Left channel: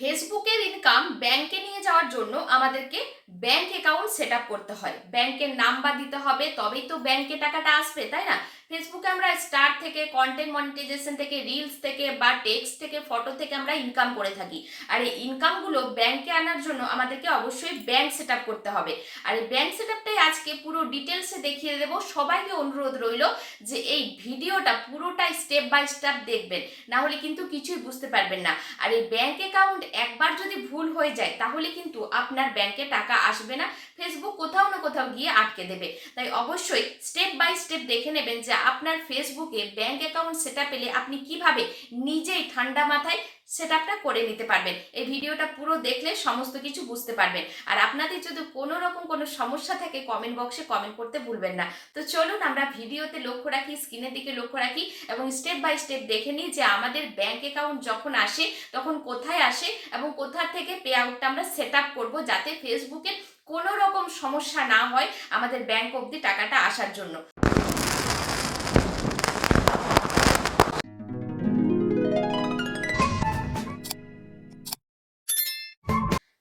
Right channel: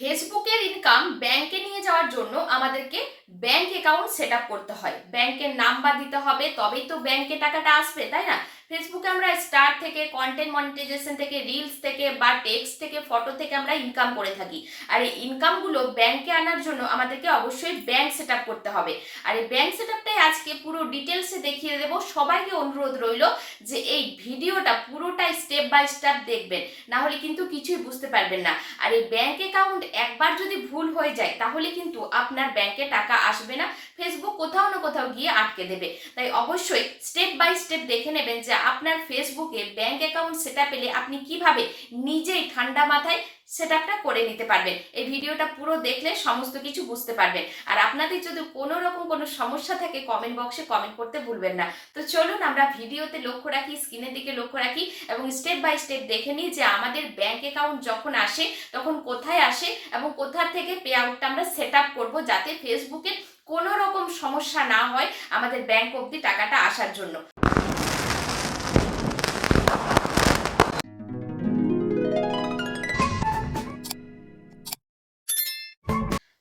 ফেসবুকের ইনকাম ব্যাংকে নিয়ে যাওয়ার জন্য আমাদেরকে ব্যাংক অ্যাকাউন্ট সেট আপ করতে হয়, ব্যাংকের নাম্বার দিতে হবে, তবেই তো ব্যাংকে টাকাটা আসবে, তাই না? ফেসবুকে আমরা স্টার থেকে, কন্টেন্ট মনিটাইজেশন থেকে, রিলস থেকে বা টেক্সট থেকে, ফটো থেকে আমরা ইনকাম করে থাকি। আর এই ইনকামগুলো ব্যাংকে আনার জন্য আমাদেরকে অবশ্যই ব্যাংক সেট আপ করতে হবে। আর এই ব্যাংক সেট আপটাই আজকে পুরো ডিটেলসে দেখিয়ে দেবো। সবাইকে অনুরোধ রইল যে এই ভিডিওটা পুরোটাই স্টেপ বাই স্টেপ দেখবেন, না হলে কিন্তু কিছুই বুঝতে পারবেন না। আর এই ব্যাংক অ্যাকাউন্ট একবার যদি ভুল হয়ে যায় তাহলে কিন্তু আপনার ব্যাংকে টাকা আসবে না, ফেসবুক কোথাও না কোথাও গিয়ে আটকে দেবে। তাই অবশ্যই স্টেপ বাই স্টেপ দেখে নেবেন যে আপনার ফেসবুকে ব্যাংক অ্যাকাউন্ট সেট আপ পেলে আপনি কিভাবে নিজেই ঠান্ডা মাথায় সেট আপটা করে নিতে পারবেন। এই ভিডিওটা পুরো দেখলে সমস্ত কিছু বুঝতে পারবেন। আর আপনাদের যদি কোনো রকম কোনো সমস্যা থাকে কমেন্ট বক্সে কমেন্ট করতে ভুলবেন না। তো চলুন আমরা ভিডিওতে লক্ষ্য রাখি, স্ক্রিনের দিকে লক্ষ্য রাখি এবং স্টেপ বাই স্টেপ দেখে নিই যে আমাদের ব্যাংক অ্যাকাউন্ট যখন আসে তখন কোথায় আসে এবং কোথা থেকে পে আউটটা আমরা সেট আপ করবো, যাতে ফেসবুকে কোনো রকম সমস্যা না হয় আমাদের ব্যাংক অবধি টাকাটা আসার জন্য।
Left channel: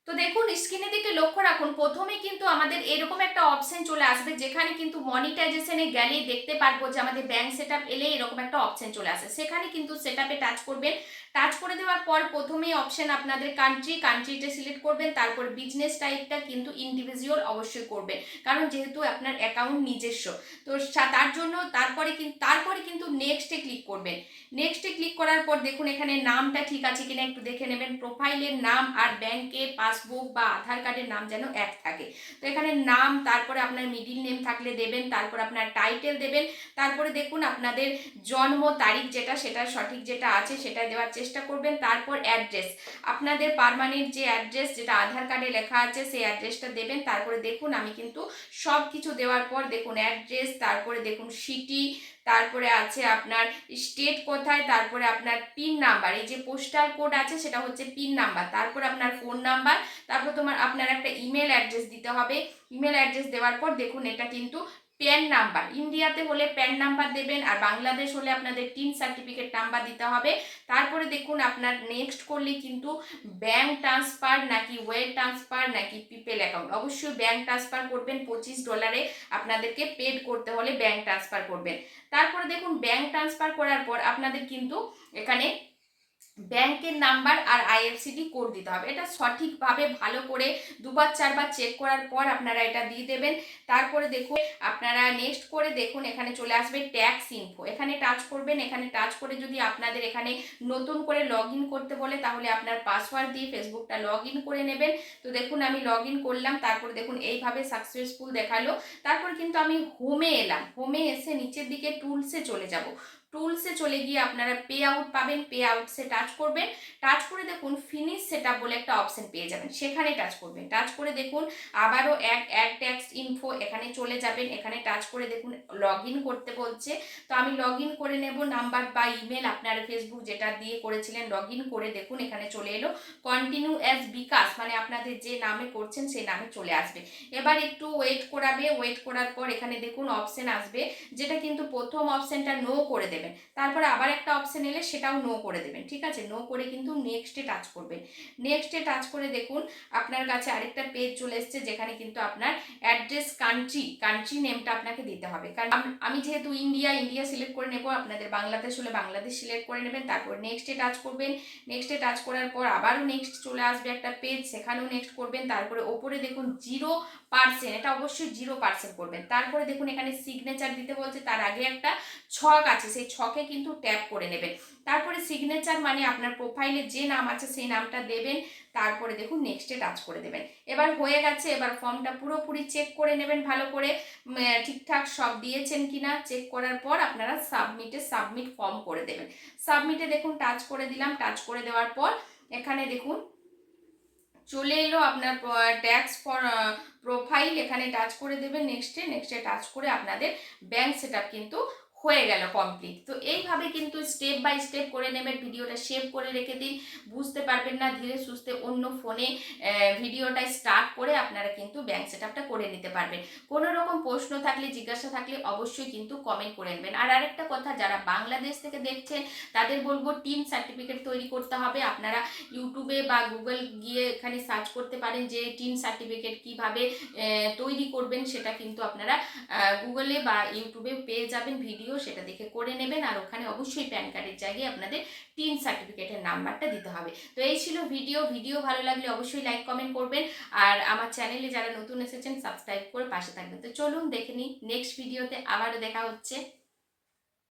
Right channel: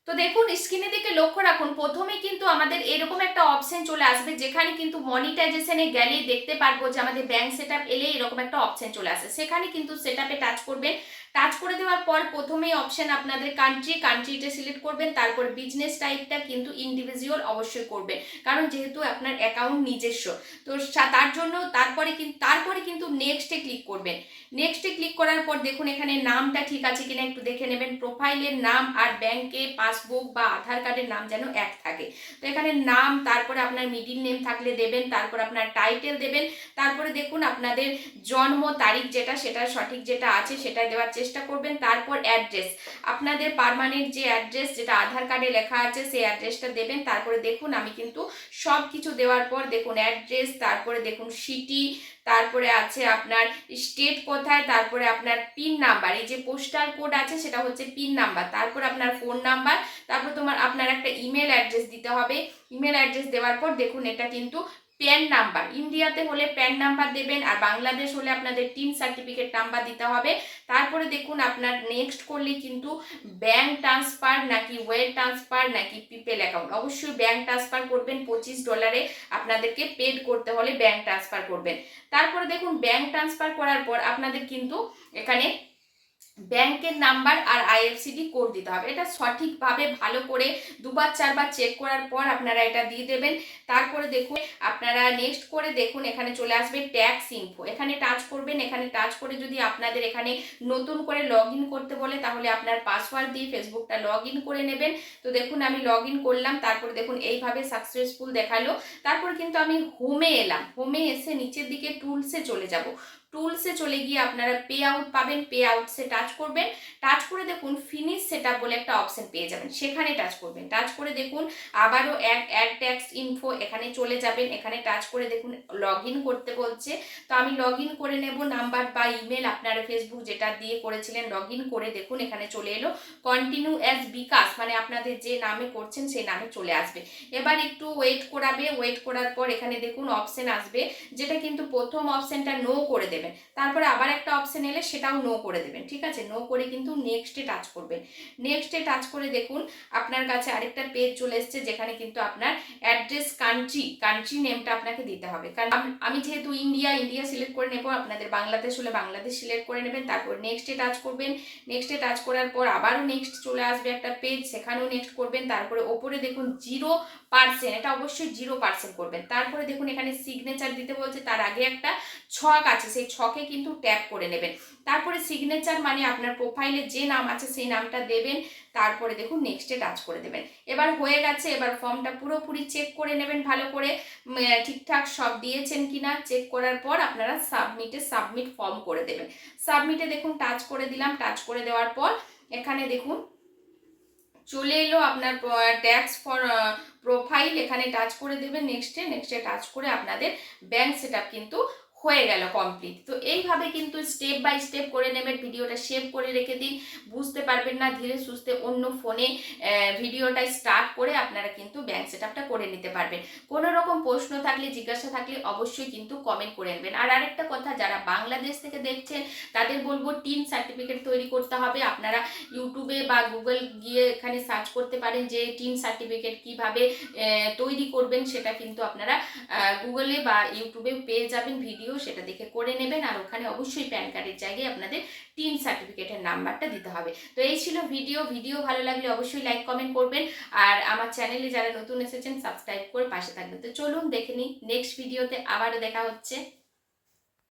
তো দেখুন, স্ক্রিনের দিকে লক্ষ্য রাখুন, প্রথমে কিন্তু আমাদের এরকম একটা অপশন চলে আসবে যেখানে কিন্তু মনিটাইজেশনে গেলেই দেখতে পারবো যে আমাদের ব্যাংক সেট আপ এলে এরকম একটা অপশন চলে আসে। সেখানে কিন্তু সেট আপে টাচ করবেন। টাচ করে দেওয়ার পর প্রথমেই অপশন আপনাদের কান্ট্রিটা সিলেক্ট করবেন। তারপর বিজনেস টাইপটা কিন্তু ইন্ডিভিজুয়াল অবশ্যই করবেন, কারণ যেহেতু আপনার অ্যাকাউন্ট নিজস্ব। তো তার জন্য তারপরে কিন্তু নেক্সটে ক্লিক করবেন। নেক্সটে ক্লিক করার পর দেখুন এখানে নামটা ঠিক আছে কিনা একটু দেখে নেবেন। প্রোফাইলের নাম আর ব্যাংকে পাসবুক বা আধার কার্ডের নাম যেন এক থাকে। তো এখানে নাম, তারপরে আপনার মিডিল নেম থাকলে দেবেন, তারপর আপনার টাইটেল দেবেন, তারপরে দেখুন আপনাদের জন্ম তারিখ যেটা, সেটা সঠিক যেটা আছে সেটা দেওয়ার চেষ্টা করবেন। তারপর অ্যাড্রেস, আপনাদের পার্মানেন্ট যে অ্যাড্রেস যেটা আধার কার্ডে লেখা আছে সেই অ্যাড্রেসটা দেবেন। তারপরে দেখুন আমি কিন্তু সব কিছু দেওয়ার পর দেখুন অ্যাড্রেস, তারপরে দেখুন সিটি, তারপরে আছে আপনার স্টেট কোথায়, তারপরে আপনার পিন নাম্বার, এই যে পোস্টাল কোড আছে সেটা হচ্ছে পিন নাম্বার, তারপর আপনার ফোন নাম্বার, তারপর আপনার একটা ইমেল অ্যাড্রেস দিতে হবে। ইমেল অ্যাড্রেস দেওয়ার পর দেখুন এটা কিন্তু প্যান নাম্বার, ইন্ডিয়াতে হলে প্যান নাম্বার দেবেন, আর বাংলাদেশ হলে আপনাদের টিন সার্টিফিকেট নাম্বার দিতে হবে। তারপরে দেখুন আপনার নেক্সট করলে কিন্তু ব্যাংক ট্রান্সফার নাকি ওয়ার ট্রান্সফার নাকি পিপেল অ্যাকাউন্ট, অবশ্যই ব্যাংক ট্রান্সফার করবেন। $25 আপনাদেরকে পেড করতে হলে ব্যাংক ট্রান্সফার করবেন। তারপরে দেখুন ব্যাংক ট্রান্সফার করার পর আপনাদের কিন্তু এখানে ব্যাংকের নাম্বার আর আইএফসিডি কোড দিতে হবে। এটা সঠিকভাবে ভালো করে দুবার চারবার চেক করার পর আপনারা এটা দিয়ে দেবেন। তারপরে দেখুন আপনারা নেক্সট করে দেখুন এখানে চলে আসবে ট্যাক্স ইনফো, এখানে টাচ করবেন। এখানে টাচ করে যদি আপনাদের এখানে নতুন করে লগ ইন করতে বলে তাহলে আপনার পাসওয়ার্ড দিয়ে ফেসবুকটা লগ ইন করে নেবেন। তো দেখুন আমি লগ ইন করলাম, তারপরে দেখুন এইভাবে সাকসেসফুল দেখালো। তারপর কিন্তু আমি হোমে এলাম, হোমে এসে নিচের দিকে টুলসে চলে যাব। টুলসে চলে গিয়ে আপনারা পে আউট পাবেন, পে আউটসে টাচ করবেন। টাচ করে দেখুন ফিনিশ সেটআপ বলে একটা অপশন পেয়ে যাবেন, সেখানে টাচ করবেন। টাচ করে দেখুন আবারও অ্যাড ট্যাক্স ইনফো, এখানে চলে যাবেন। এখানে টাচ করে দেখুন লগ ইন করতে বলছে, তো আমি লগ ইন করে নেব। নাম্বার বা ইমেল আপনারা ফেসবুক যেটা দিয়ে করেছিলেন লগ ইন করে দেখুন এখানে চলে এলো কন্টিনিউ অ্যাজ বিকাশ, মানে আপনাদের যে নামে করছেন সেই নামে চলে আসবে। এবার একটু ওয়েট করাবে, ওয়েট করার পর এখানে দেখুন অপশন আসবে, যেটা কিন্তু প্রথম অপশনটা নো করে দেবেন। তারপরে আবার একটা অপশন এলে সেটাও নো করে দেবেন, ঠিক আছে? নো করে কিন্তু নেক্সটে টাচ করবেন। নেক্সটে টাচ করে দেখুন আপনার কাছে আরেকটা পেজ চলে এসছে, যেখানে কিন্তু আপনার অ্যাড্রেস, কান্ট্রি নেমটা আপনাকে দিতে হবে। কারণ আমি যেহেতু ইন্ডিয়া সিলেক্ট করে নেব, আপনাদের বাংলাদেশ হলে বাংলাদেশ সিলেক্ট করে নেবেন। তারপর নেক্সটে টাচ করবেন। নেক্সটে টাচ করার পর আবারও নেক্সট চলে আসবে একটা পেজ, সেখানেও নেক্সট করবেন। তারপরে ওপরে দেখুন 0%, এটা অবশ্যই 0% করবেন। তারপরে দেখুন এখানে সিগনেচার দিতে বলছে, তার আগে একটা ছক আছে, সেই ছকে কিন্তু ট্যাপ করে নেবেন। তারপরে সিগনেচার মানে আপনার প্রোফাইলে যে নাম আছে সেই নামটা দেবেন। তারপরে দেখুন নেক্সটে টাচ করে দেবেন। এবার হয়ে গেছে। এবার ফর্মটা পুরোপুরি চেক করে নেবেন ভালো করে, ঠিকঠাক সব দিয়েছেন কিনা। চেক করার পর আপনারা সাবমিট ফর্ম করে দেবেন। সাবমিটে দেখুন টাচ করে দিলাম। টাচ করে দেওয়ার পর এখানে দেখুন চলে এলো আপনার ট্যাক্স ফর প্রোফাইল, এখানে টাচ করে দেবেন। নেক্সটে টাচ করে আপনাদের ব্যাংক সেটআপ কিন্তু হয়ে গেল কমপ্লিট। তো এইভাবে কিন্তু স্টেপ বাই স্টেপ করে নেবেন, ভিডিওটা সেভ করে রেখে দিন, বুঝতে পারবেন না, ধীরে সুস্থে অন্য ফোনে ভিডিওটা স্টার্ট করে আপনারা কিন্তু ব্যাংক সেট আপটা করে নিতে পারবেন। কোনো রকম প্রশ্ন থাকলে, জিজ্ঞাসা থাকলে অবশ্যই কিন্তু কমেন্ট করে নেবেন। আর আরেকটা কথা, যারা বাংলাদেশ থেকে দেখছেন তাদের বলবো টিন সার্টিফিকেট তৈরি করতে হবে। আপনারা ইউটিউবে বা গুগল গিয়ে এখানে সার্চ করতে পারেন যে টিন সার্টিফিকেট কিভাবে তৈরি করবেন, সেটা কিন্তু আপনারা গুগলে বা ইউটিউবে পেয়ে যাবেন ভিডিও, সেটা দেখে করে নেবেন। আর ওখানে অবশ্যই প্যান কার্ডের জায়গায় আপনাদের টিন সার্টিফিকেটের নাম্বারটা দিতে হবে। তো এই ছিল ভিডিও ভালো লাগলে অবশ্যই লাইক কমেন্ট করবেন। আর আমার চ্যানেলে যারা নতুন এসেছেন সাবস্ক্রাইব করে পাশে থাকবেন। তো চলুন দেখে নিই, নেক্সট ভিডিওতে আবারও দেখা হচ্ছে।